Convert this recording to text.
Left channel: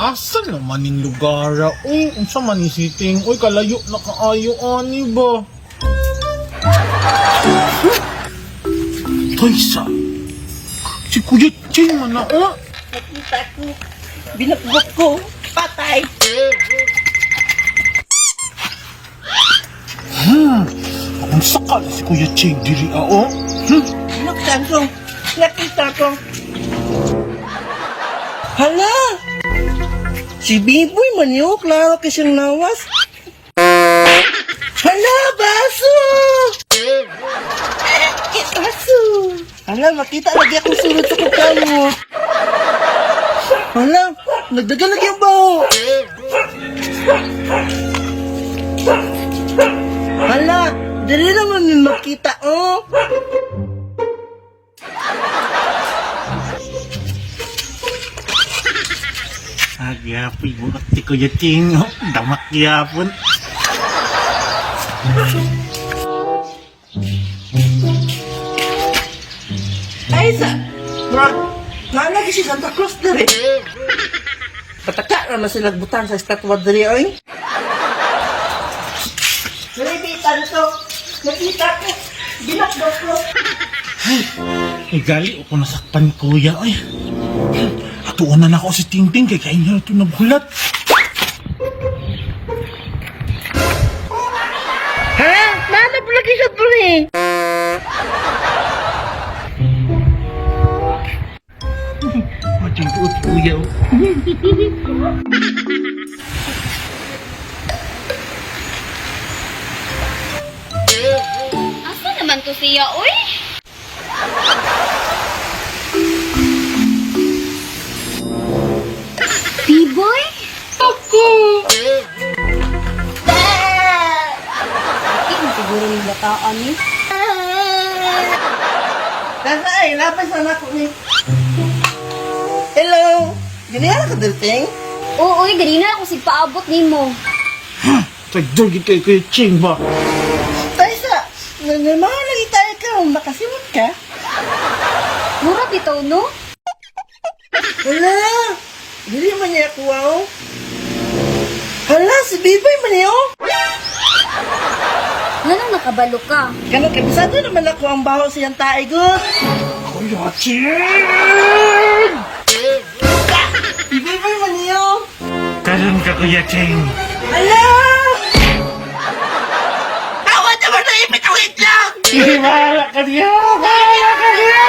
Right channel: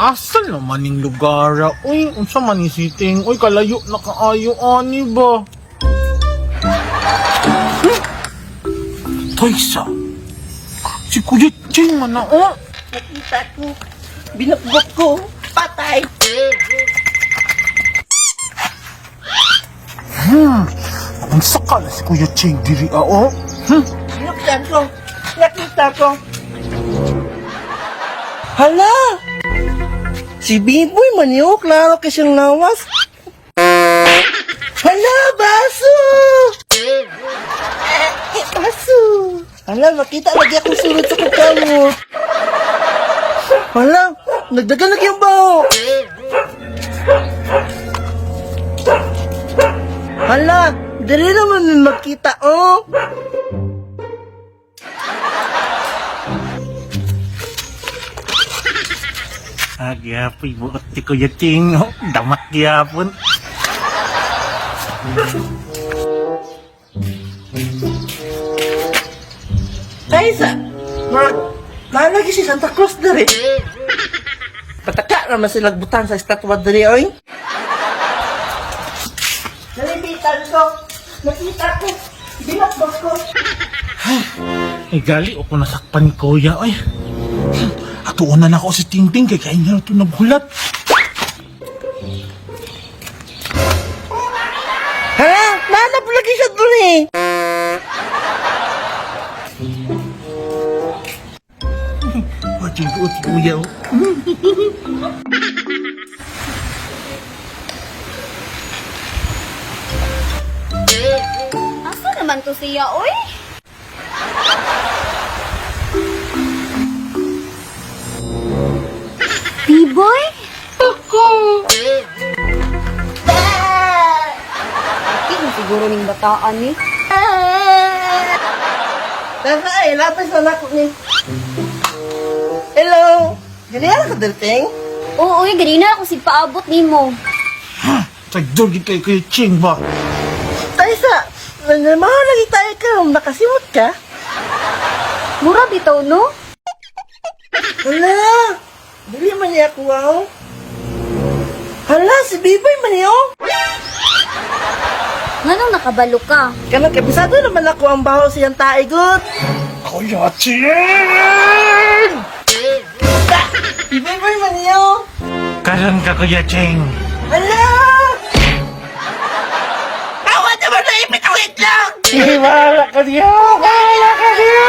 Asa naman ning lugar? Uy, unsa man ni siting? Uy, kalayo na kaayo ani ba? Toysa. Si Kuya Ching man na oh. Nakita ko. Binakbok ko. Patay. Ang saka na si Kuya Ching diri oh. Binaktan ko. Nakita ko. Hala! Si Biboy man yun. Klaro kasing lawas. Hala! Baso! Baso! Hala, makita lagi akong sunod sa kukamot. Hala! Nagdagan lagi ang baho. Hala! Dali naman magkita, oh! Agyapoy bukat ti Kuya Ching oh. Damat gyapon. Ay, nalagi si Santa Claus dari. Pataka naman sila butang sa estatwa dari, oy. Nalibitan ko. Nakita ko. Binakbok ko. Ay gali ako nasakpan ni Kuya ay. Atuon na ako si Tingting kay kain na ito nagulat. Ha? Nanap lagi sa duri. Wajing buot Kuya oh. Asa naman to siya, oy? Biboy? Ako. Hindi siguro yung bataan ni. Nasa ay, lapis na ako ni. Hello. Ganyan ka, Delting? Oo, oy, ganina ako paabot ni mo. Tagdugid kay Kuya Ching ba? Taysa, nanamahan lagi tayo ka. Nakasimot ka. Mura bitaw, no? Hala. Dili man niya ako, wow. Hala, si Biboy man niyo. Anong nakabalo ka? Kanang kabisado naman ako ang baho siyang taigot. Kuya Ching! Biboy man niyo. Karan ka Kuya Ching. Hala! Ako naman na ipit ang itlog! Wala ka niya! Wala ka niya!